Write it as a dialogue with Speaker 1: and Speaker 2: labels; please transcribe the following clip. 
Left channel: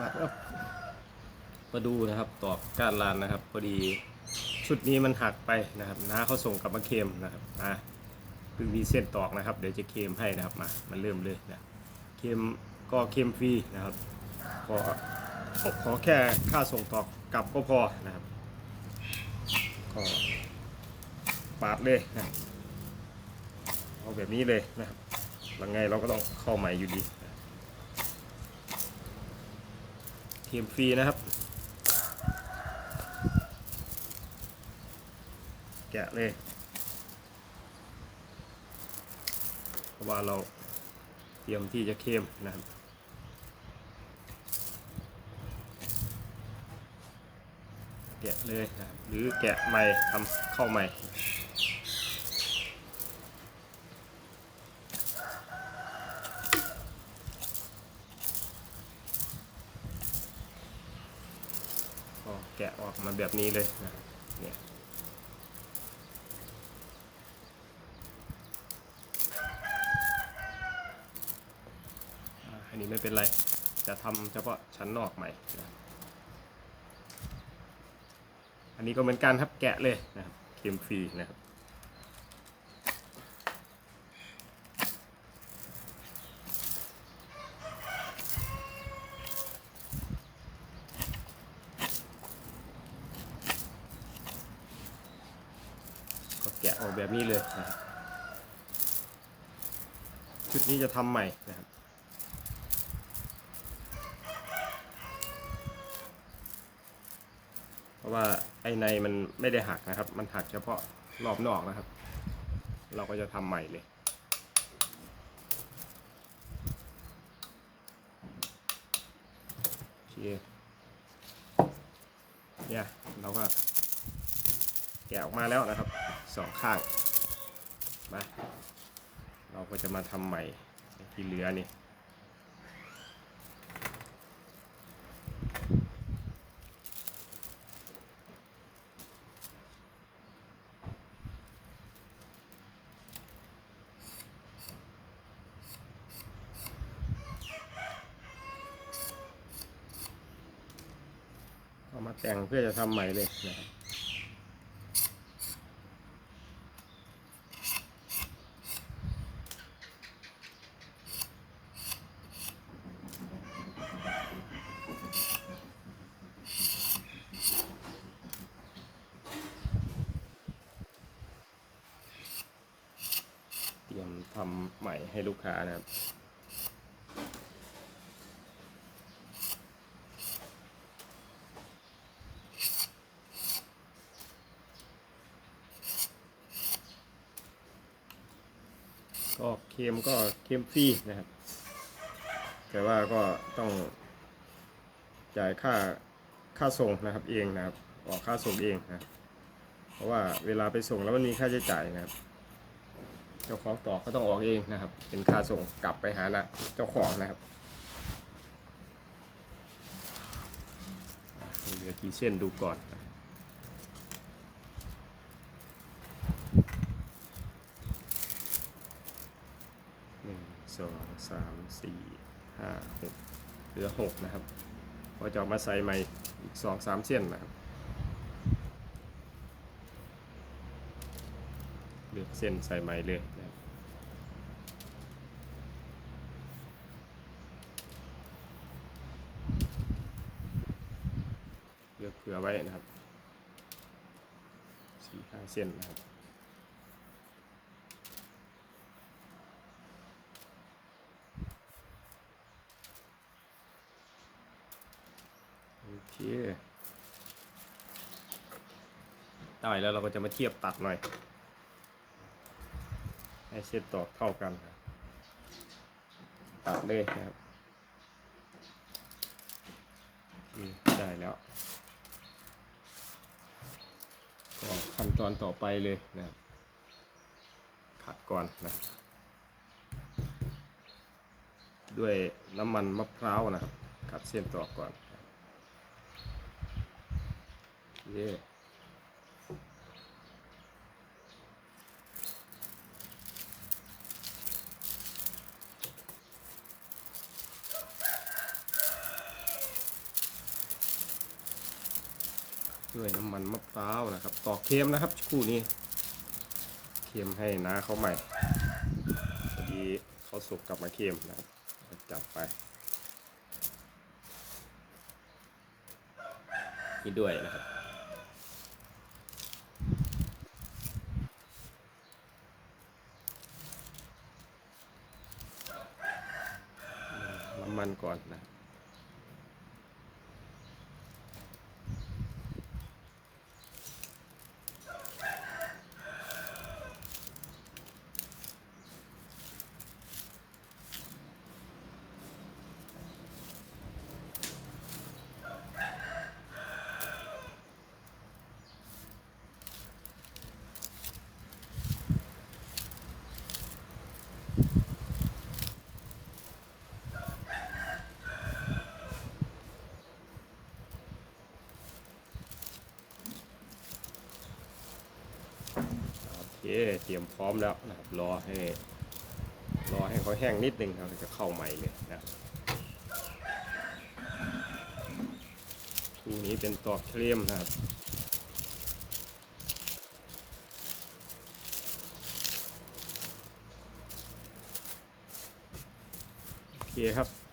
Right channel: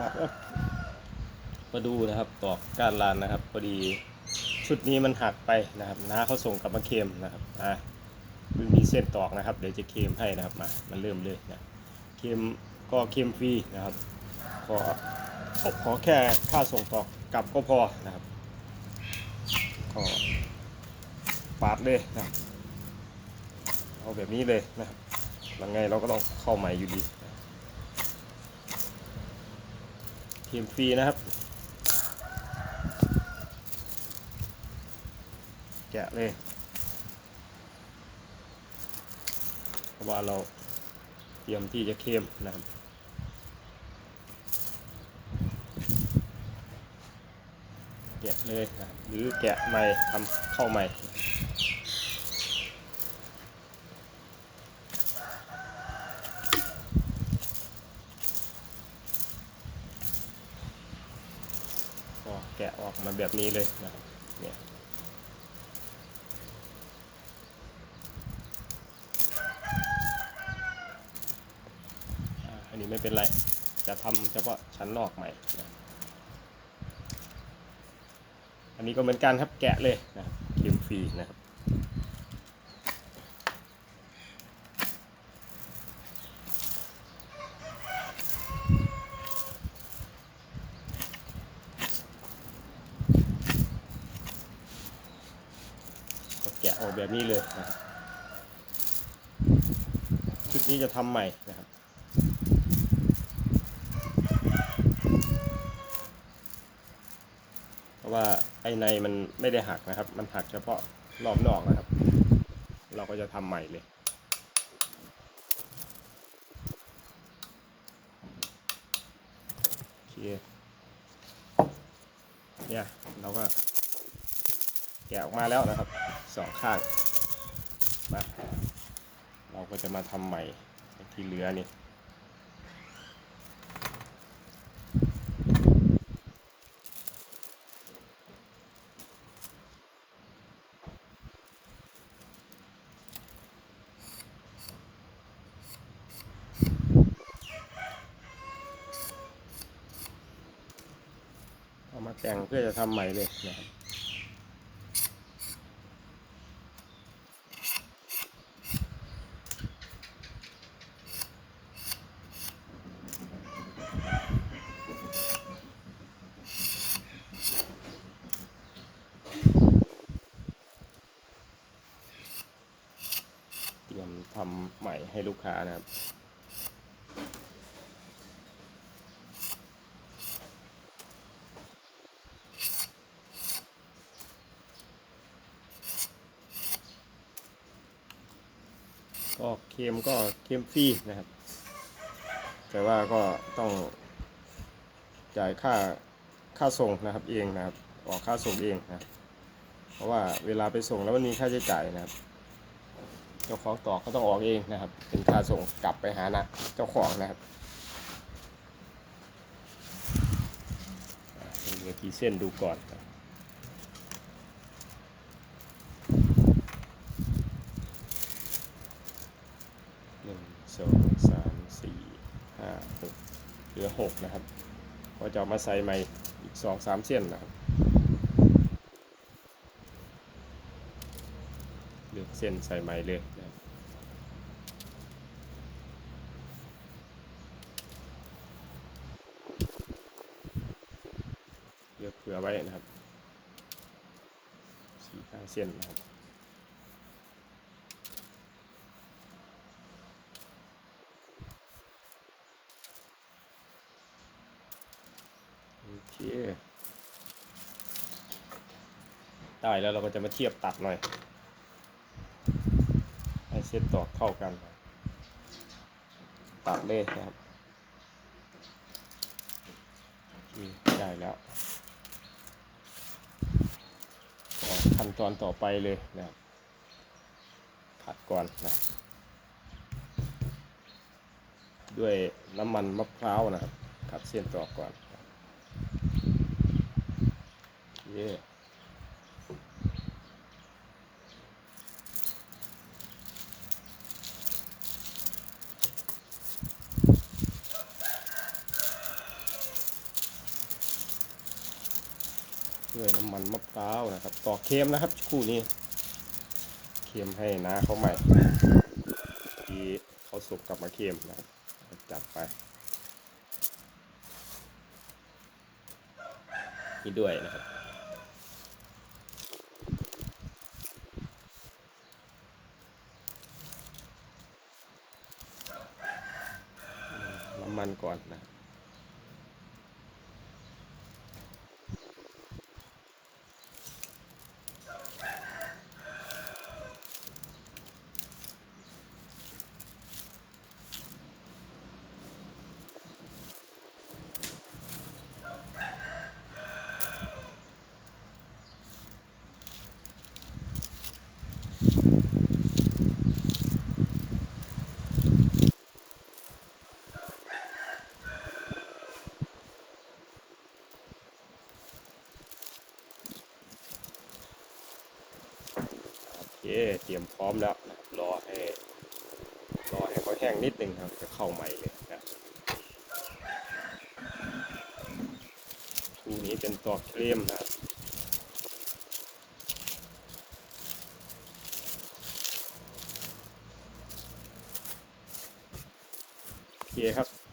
Speaker 1: มาครับมาดูนะครับตอกก้านลานนะครับพอดีชุดนี้มันหักไปนะครับน้าเขาส่งกลับมาเคลมนะครับอะดึงดีเส้นตอกนะครับ เดี๋ยวจะเคลมให้นะครับมามันเริ่มเลยนะเคลมก็เคลมฟรีนะครับขอขอแค่ค่าส่งตอกกลับก็พอนะครับก็ปาดเลยนะเอาแบบนี้เลยนะครับหลังไงเราก็ต้องเข้าใหม่อยู่ดีเทีย มฟรีนะครับ แกะเลยเพราะว่าเราเตรียมที่จะเข้มนะครับแกะเลยนะรหรือแกะใหม่ทำเข้าใหม่ ก็แกะออกมาแบบนี้เลยนะเนี่ยอันนี้ไม่เป็นไร จะทำเฉพาะชั้นนอกใหม่นะอันนี้ก็เหมือนกันครับแกะเลยนะครับเค็มฟรีนะครับ ออกแบบนี้เลยนะครับชุดนี้จะทำใหม่นะครับเพราะว่าไอ้ในมันไม่ได้หักนะครับ มันหักเฉพาะรอบนอกนะครับ เราก็จะทำใหม่เลยโอเคเนี่ยเราก็แกะออกมาแล้วนะครับ สองข้างมาเราก็จะมาทำใหม่ที่เหลือนี่เอามาแต่งเพื่อจะทำใหม่เลยนะครับ ทำใหม่ให้ลูกค้านะครับก็เค็มก็เค็มฟรีนะครับ แต่ว่าก็ต้องจ่ายค่าค่าส่งนะครับเองนะครับ ออกค่าส่งเองนะ เพราะว่าเวลาไปส่งแล้วมันมีค่าใช้จ่ายนะครับ เจ้าของต่อก็ต้องออกเองนะครับ เป็นค่าส่งกลับไปหานะเจ้าของนะครับเหลือกี่เส้นดูก่อนหนึ่งสองสามสี่ห้าหกเหลือหกนะครับพอจะมาใส่ใหม่อีกสองสามเส้นนะครับ เลือกเส้นใส่ใหม่เลยนะครับเลือกเผื่อไว้นะครับสี่ห้าเส้นนะครับโอเคได้แล้วเราก็จะมาเทียบตัดหน่อย เส้นตอกเท่ากัน ตัดเลยนะครับได้แล้วขั้นตอนต่อไปเลยนะครับขัดก่อนนะ ด้วยน้ำมันมะพร้าวนะครับขัดเส้นตอกก่อน เย่ ด้วยน้ำมันมะพร้าวนะครับ ตอกเค็มนะครับคู่นี้ เค็มให้นะเขาใหม่พอดีเขาสุกกลับมาเค็มนะครับจับไปนี่ด้วยนะครับน้ำมันก่อนนะ เคเตรียมพร้อมแล้วนะครับรอให้รอให้เขาแห้งนิดนึงครับจะเข้าใหม่เลยนะคู่นี้เป็นตัวเครมนะครับโอเคครับ